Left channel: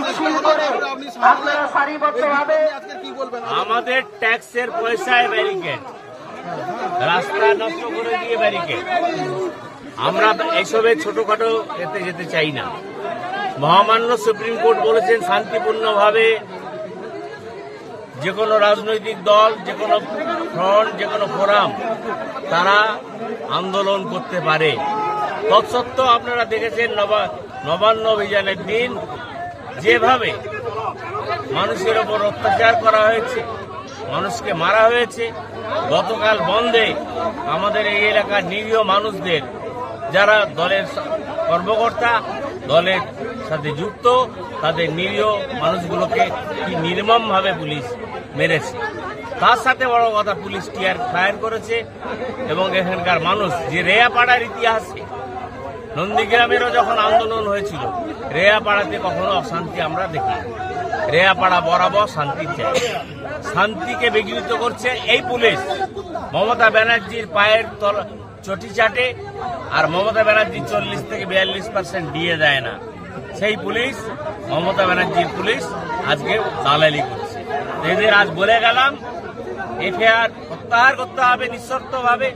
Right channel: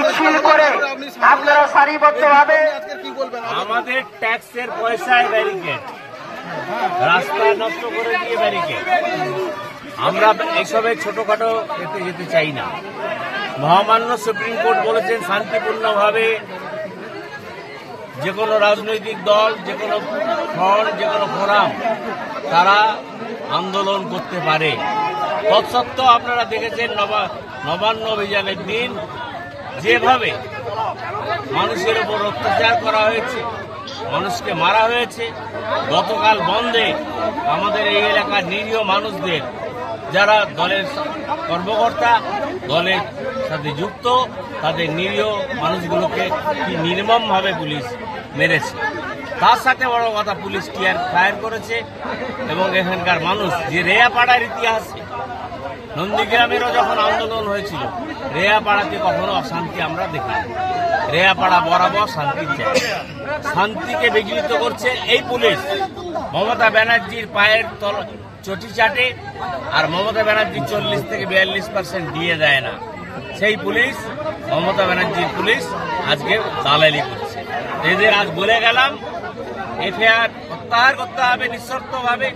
মিছিল করে আপনারা সারিবদ্ধভাবে আমাদের ট্যাক্সের পয়সায় ব্যারিকেড, রাস্তা নষ্ট করে দিয়ে ব্যারিকেড। আমরা এইসবের ছোটখাটো এতে যেতে চাই না। মহামান্য সুপ্রিম কোর্ট বলেছেন শান্তিপূর্ণভাবে যে কোনো রাজনৈতিক দল, যে কোনো ফ্রন্ট, যে কোনো ফোরাম তারা আন্দোলন করতে পারে। তৎসত্ত্বেও আপনারা দেখেছেন নবান্ন অভিযানের দিন যেভাবে মানুষের ওপর অত্যাচার করা হয়েছে, মানুষকে মারা হয়েছে। গতকাল বন্ধে আমাদের এই এলাকার নিরীহ মানুষদের, যারা দলের কর্মকর্তা, দলের সাথে যুক্ত, তাদের নিরীহ মানুষগুলোকে কি নির্মমভাবে পুলিশ মেরেছে। তার সাথে বড় কথা, পুলিশ টিয়ার ফায়ার করেছে এবং এখানকার মানুষ যে রেয়াপাড়ার ইতিহাসে নন্দীগ্রামেরও যখন আন্দোলন হয়েছিল, রেয়াপাড়াতে কখনো অশান্তি আমরা দেখিনি। রেয়াপাড়া বরাবর শান্তির জায়গা। শান্তিকে বিঘ্নিত করছে এই পুলিশ। মমতা ব্যানার্জির পায়ের চটি চাটে, আর মমতা ব্যানার্জি 40 থেকে 42% দিয়ে দেয় না। সেই পুলিশ, মমতা ব্যানার্জির পুলিশ আজকে দালালি করছে। এদের আজ বলে গেলাম এফআইআর প্রত্যাহার করতে হবে নিঃশর্তভাবে,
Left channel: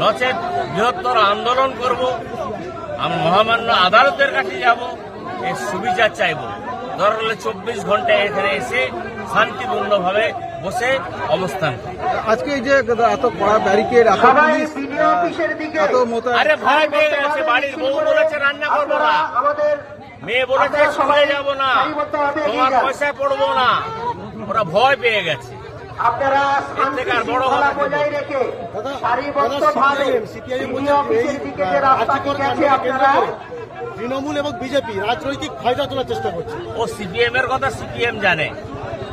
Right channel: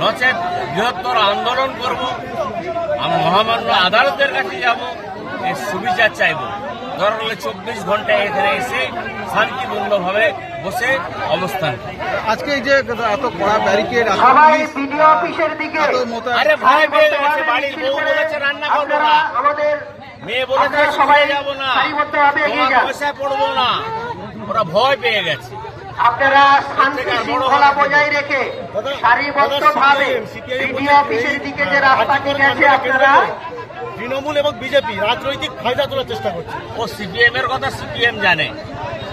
নচেত বৃহত্তর আন্দোলন করব। আমি মহামান্য আদালতের কাছে যাব, এর সুবিচার চাইব। দরকার হলে 24 ঘন্টায় এখানে এসে শান্তিপূর্ণভাবে বসে অবস্থান করি। আজকে এই যে এত কড়া ব্যারিকেড, আরে ভয় পেয়ে গেছে। বাড়ির বউ বলেছে রান্না করবো না, মেয়ে বলেছে সবাই যাবো না, তোমার পয়সা পড়বো না। ওরা ভয় পেয়ে গেছে। আপনারা শান্তি শৃঙ্খলা বজায় রেখে সারিবদ্ধভাবে বিডিও অফিসের দিকে যে রাস্তাটি গেছে, আপনারা তৃণমূল এবং বিজেপি রাজনৈতিক ফায়দা তোলার চেষ্টা করছে। ও সিপিএম এর কথা সিপিএম জানে,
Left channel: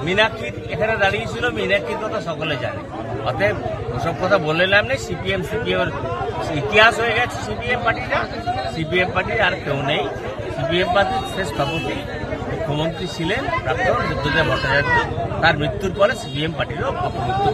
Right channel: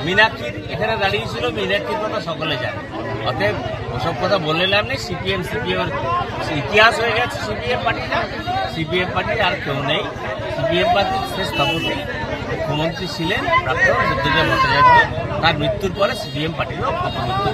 মীনাক্ষী এখানে দাঁড়িয়েছিল, মীনাক্ষীর কথা সকলে জানে। অতএব ওসব কথা বলে লাভ নেই। সিপিএম এর ইতিহাস হয়ে গেছে। সিপিএম পার্টির আর কেউ নেই। সিপিএম পার্টির শেষ স্থপতি মুখ্যমন্ত্রী ছিলেন প্রাক্তন বুদ্ধদেব ভট্টাচার্য। তার মৃত্যুর পরে সিপিএম পার্টিরও অপমৃত্যু।